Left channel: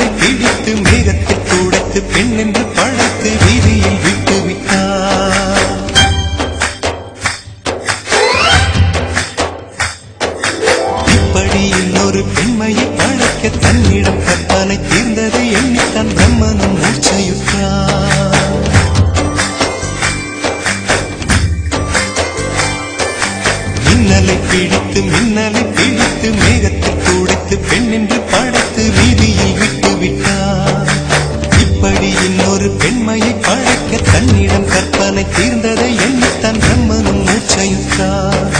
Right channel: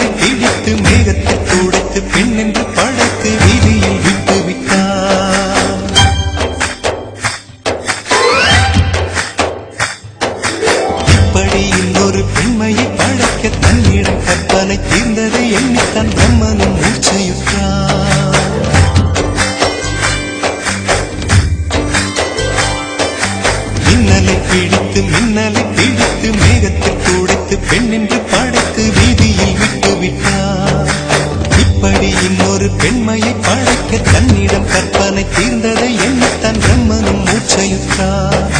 மின்னலை பிடித்து மேகத்தில் துடைத்து பெண் என்று படைத்து வீதியில் விட்டு விட்டான். இப்படி இன்னொரு பெண்மையை படைக்க தன்னிடம் கற்பனை தீர்ந்ததை எண்ணித்தான் பிரம்மனும் மூர்ச்சையுற்றான். மின்னலை பிடித்து மேகத்தில் துடைத்து பெண் என்று படைத்து வீதியில் விட்டு விட்டார். இப்படி இன்னொரு பெண்மையை படைக்க தன்னிடம் கற்பனை தீர்ந்ததை எண்ணித்தான் பிரம்மனும் மூர்ச்சையுற்றார்.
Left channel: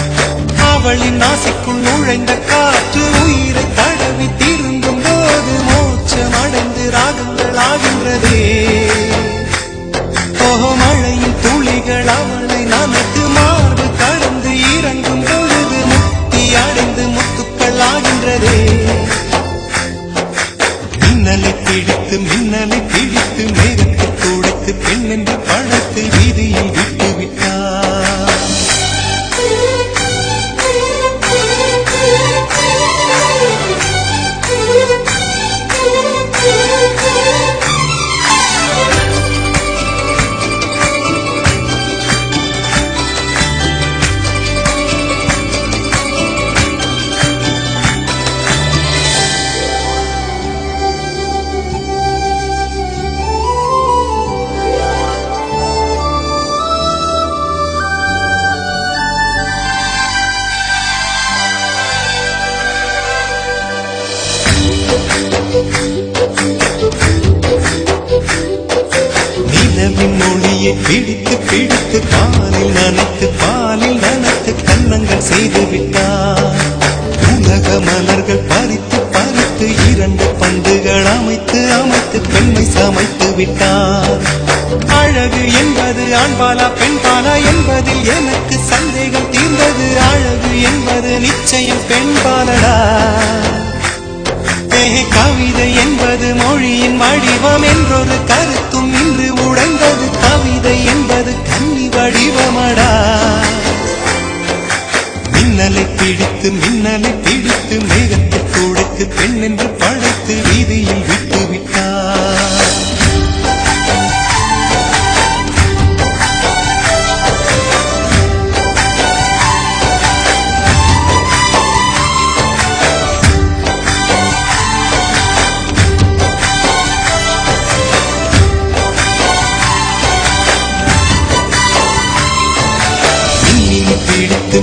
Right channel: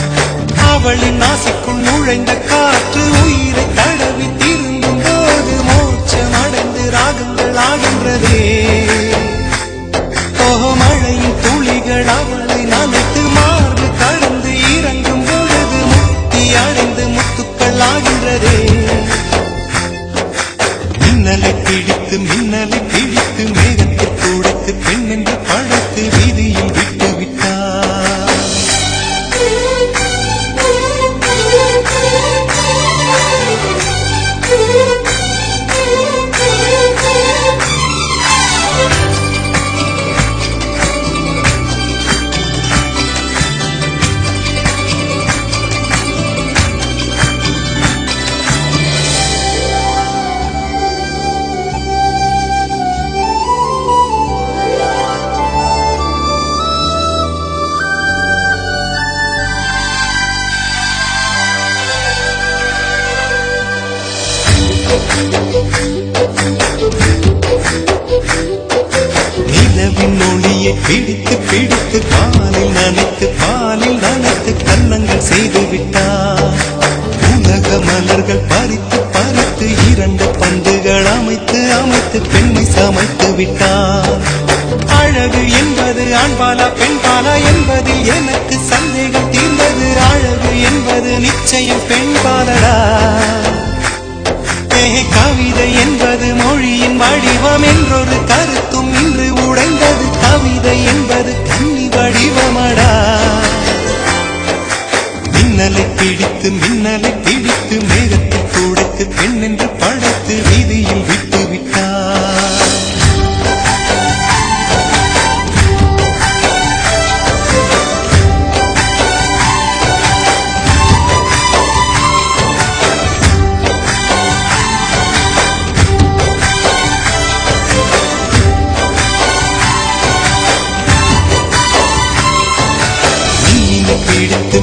அவளின் நாசிக்குள் நுழைந்த காற்று உயிரை தடவி திரும்பும் போது மோட்சம் அடைந்து ராகங்கள் ஆகின்றதே. ஓஹோ, மழையின் துளிகள் அவளை நனைத்து மார்பு கடந்து இறங்கும் பொழுது முக்தி அடைந்து முத்துக்கள் ஆகின்றதே. மின்னலை பிடித்து மேகத்தில் துடைத்து பெண் என்று படைத்து வீதியில் விட்டு விட்டார். நிலவின் ஒளியை பிடித்து பாலில் நனைத்து கன்னங்கள் செய்து விட்டார். உலக மலர்கள் பறித்து இரண்டு பந்துகள் அமைத்து பெண்மை சமைத்து விட்டார். அழகு என்பது ஆண்பாலா பெண்பாலா என்பதில் எனக்கு சந்தேகம் தீர்ந்தது. அழகு என்பது நிச்சயம் பெண்பாலடா. கவிதை என்பது மொழியின் வடிவம் என்றொரு கருத்தும் இன்று உடைந்தது. கவிதை என்பது கன்னி வடிவமடா. மின்னலை பிடித்து மேகத்தில் துடைத்து பெண் என்று படைத்து வீதியில் விட்டு விட்டார்.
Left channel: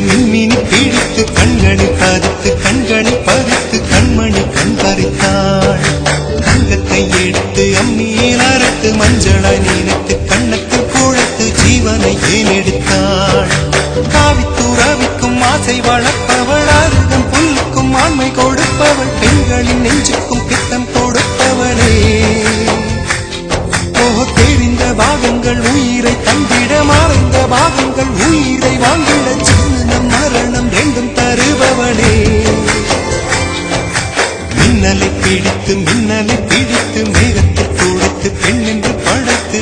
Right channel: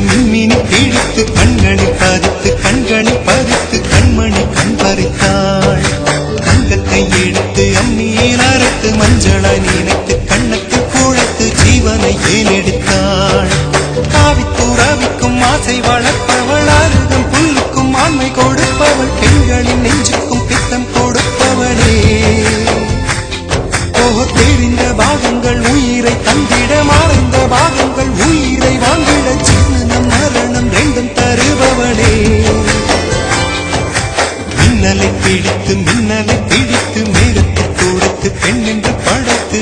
மின்மினி பிடித்து கண்களில் பதித்து கண்மணி கண் பறித்தாள். தங்கத்தை எடுத்து அம்மியில் அரைத்து மஞ்சளாய் நினைத்து கண்ணத்தில் குழைத்து ஜீவனை ஏன் எடுத்தாள். காவித்துறவிக்கும் ஆசை வளர்ப்பவள், அருகம் புல்லுக்கும் ஆண்மை கொடுப்பவள், பெண்களின் நெஞ்சுக்கும் பித்தம் கொடுப்பவளே. ஓஹோ, தெரிந்த பாகங்கள் உயிரை தந்திட, மறைந்த பாகங்கள் உயிரை வாங்கிட, ஜனனம் மரணம் ரெண்டும் தருபவளே. மின்னலை பிடித்து மேகத்தில் துடைத்து பெண் என்று படைத்து